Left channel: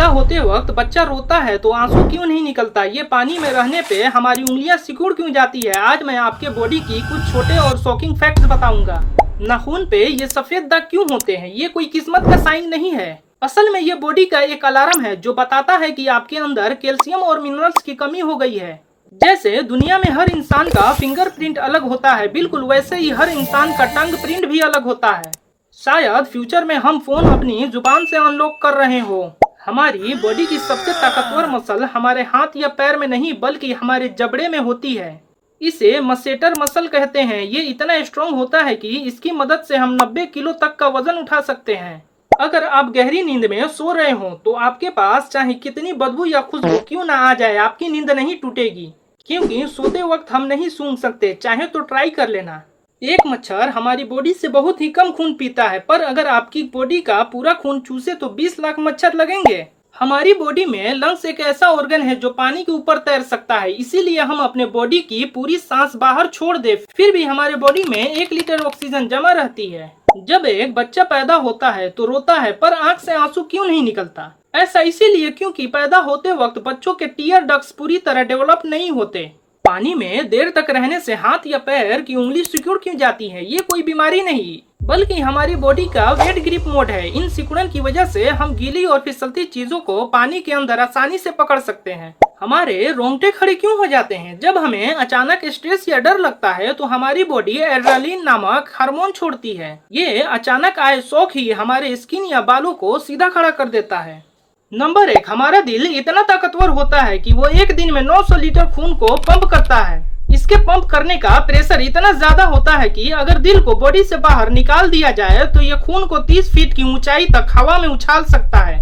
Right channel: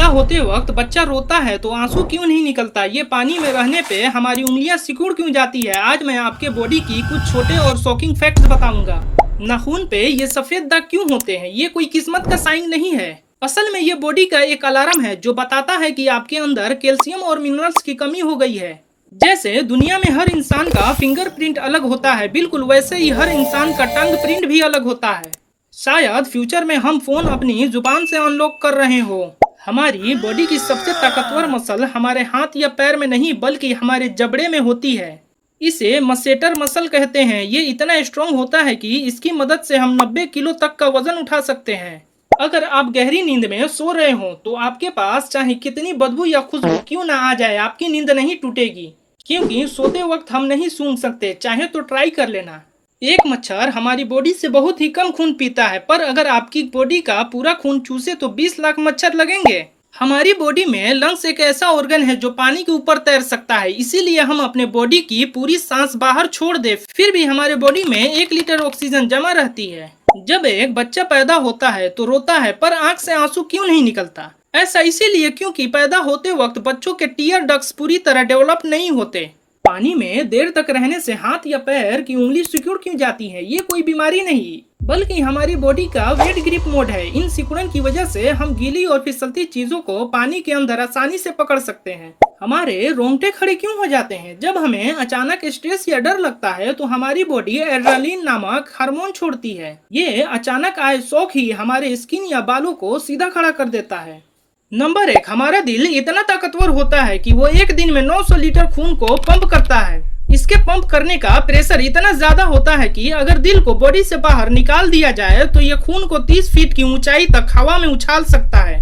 पैदा होते वक्त बच्चा रोता है तो आंसू क्यों नहीं निकलता? ये पानी में रहने पे हमारी उंगलियां सिकुड़ क्यों जाती है? आज मैं आपके बॉडी की कुछ छोटे और शॉकिंग फैक्ट्स बताऊंगा। नाखून पे ये सफेद दाग क्यों होते हैं? ये कोई किस्मत का साइन नहीं है। असल में ये बॉडी का एक अलार्म है जो बताता है कि आपके अंदर कैल्शियम और मिनरल्स की कमी हो गई है। जैसे दुनिया में हर इंसान का फिंगरप्रिंट अलग होता है, बिल्कुल वैसे ही हर इंसान का टंग प्रिंट भी अलग होता है। शायद फ्यूचर में हम फोन अपनी जुबान से अनलॉक कर रहे हो। हमारी बॉडी की सबसे ताकतवर मसल हमारे हाथ या पैर में नहीं बल्कि हमारे जबड़े में होती है। इसे मसेटर मसल कहते हैं। ये इतना स्ट्रॉन्ग होता है कि इसकी मदद से हम 90 किलो तक का वजन उठा सकते हैं। अगर आप गहरी नींद में सो रहे हो तो आपके पास चाहे कितनी बदबू या खुशबू क्यों ना आ जाए, आपकी नींद नहीं टूटेगी, क्योंकि सोते वक्त हम नहीं सूंघ सकते। चाहे तो ट्राई कर लेना। एक मच्छर हमारी बॉडी से बहुत ही कम खून पीता है, पर अगर आपकी बॉडी का पूरा खून चूसे तो 20 लाख मच्छर लगेंगे। हमारी बॉडी में लंग्स एक ऐसा ऑर्गन है जो पानी के ऊपर तैर सकता है, इसीलिए हम अपने बॉडी की पूरी सांस बाहर छोड़ दे फिर भी हमारे बॉडी में 1 लीटर ऑक्सीजन जमा रहती है। जब एक बच्चा पैदा होता है तो रोता है, पर आंख से आंसू क्यों नहीं निकलता? ऐसा इसीलिए क्योंकि पैदा होते वक्त बच्चों के टीयर डक्ट्स पूरी तरह डेवलप नहीं होते। पानी में देर तक रहने से हाथ या पैर की उंगली सिकुड़ क्यों जाती है? ये कोई बीमारी नहीं बल्कि हमारी बॉडी का वेट ग्रिप मोड है। इन सिकुड़न की वजह से हम गीली और फिसलती चीजों को पानी के अंदर आसानी से पकड़ सकते हैं। हमारे रोंगटे खड़े क्यों हो जाते हैं? जब हमें अचानक स्ट्रेस या डर लगता है तो हमारी बॉडी एड्रेनलिन नामक हार्मोन छोड़ती है। ये अचानक आए शौक ही हमारे स्किन या बालों को सीधा खड़ा कर देता है। नंबर 1, हमारा दिल इतना ताकतवर होता है कि वो एक दिन में 900 लीटर खून को पंप करता है। इसके पंप करने का प्रेशर इतना ज्यादा होता है कि अगर दिल को बॉडी से बाहर निकाल दिया जाए तो ये खून को 30 फीट की ऊंचाई तक हवा में उछाल सकता है।